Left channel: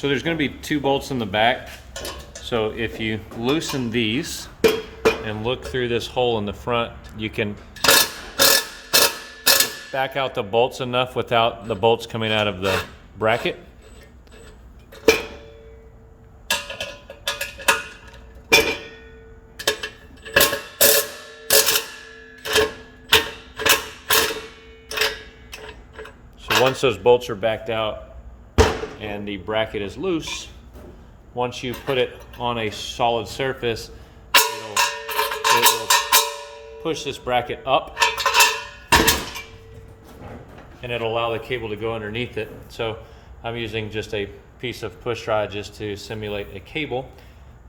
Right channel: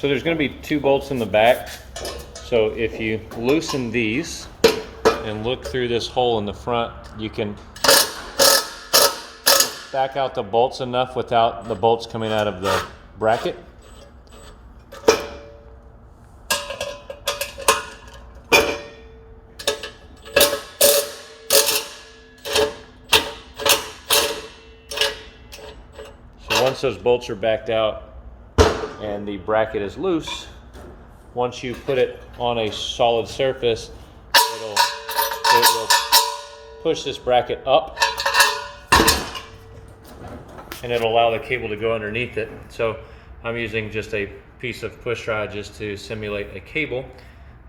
So there's going to be 2 bolts in the back. So if you loosen these and look through this hole in the front, you can back out the bolts enough without the bolts coming out of the bracket. So once those bolts are backed out and the bracket is loose, once you put it on a solid surface, it will push this bracket up and it'll allow the cable to go underneath it. So I'm using just a piece of push rod just to simulate a cable.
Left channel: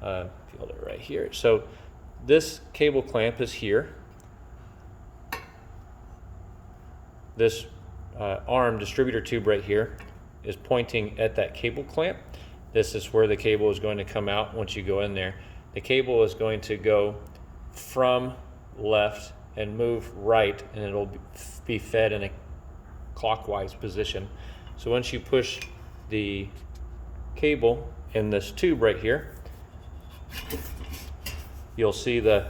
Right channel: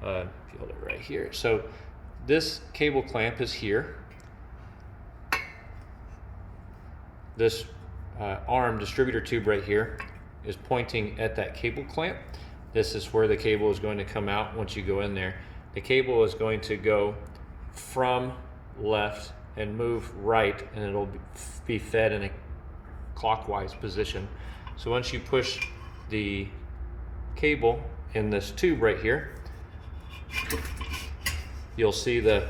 Hold it right here. So this cable clamp is here. This arm distributor tube right here is pointing at that cable clamp. This is where the cable is going to come out once you go in there. The cable is going to go from left and move right, and it'll be fed in a clockwise position. So once you push the cable in this tube right here, you'll see the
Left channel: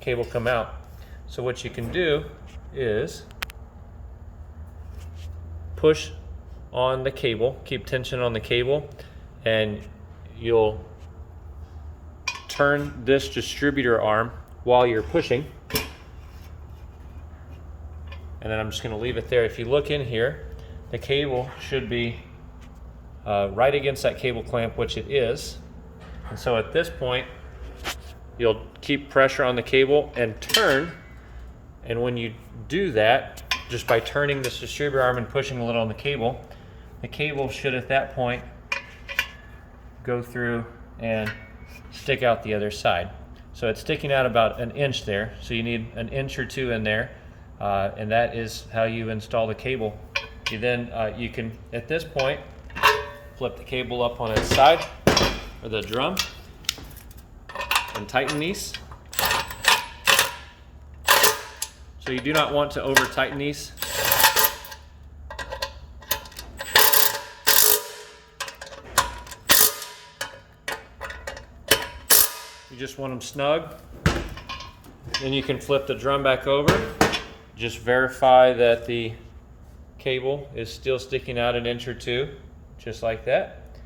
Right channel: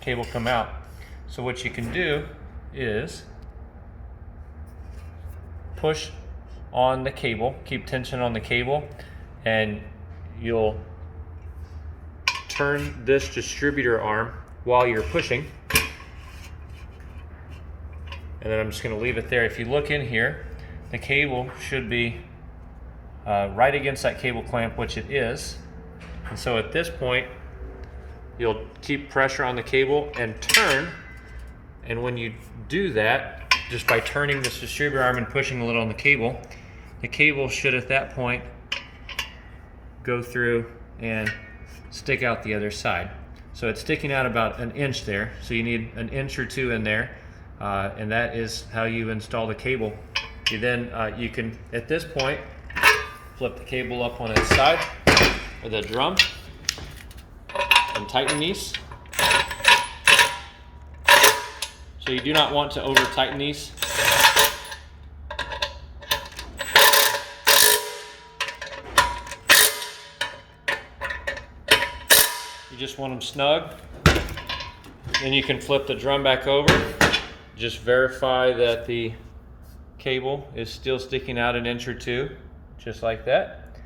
cable come out. So what you can do is push on the cable, keep tension on the cable, and you'll turn this distributor arm while you're pushing. And then I'm just going to leave it there. If you look in here, the cable should be right against that cable clamp, which it is. And so at this point, you'll keep pressure on the cable and turn. And when you do that, just by turning this distributor arm and pushing a little on the cable should at that point go through and stick out the other side. So it's sticking out about 1 inch there. So you need 1 inch or 2 in there. And that is how you install the cable. You then, you can, at this point, flip the cable up on its side, or the drum, and tighten these. So you do not want to over tighten these. You just want them snug. Then you can flip the drum back over. Just verify that the cable is still sticking out 1 inch or 2, just like that.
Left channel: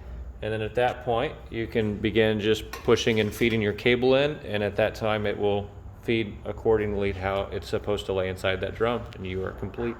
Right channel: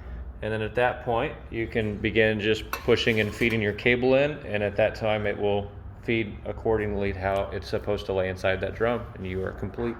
And then at that point, you can begin just pushing and feeding your cable in, and at that time it will feed accordingly to how it's supposed to lay inside that drum, and you are complete.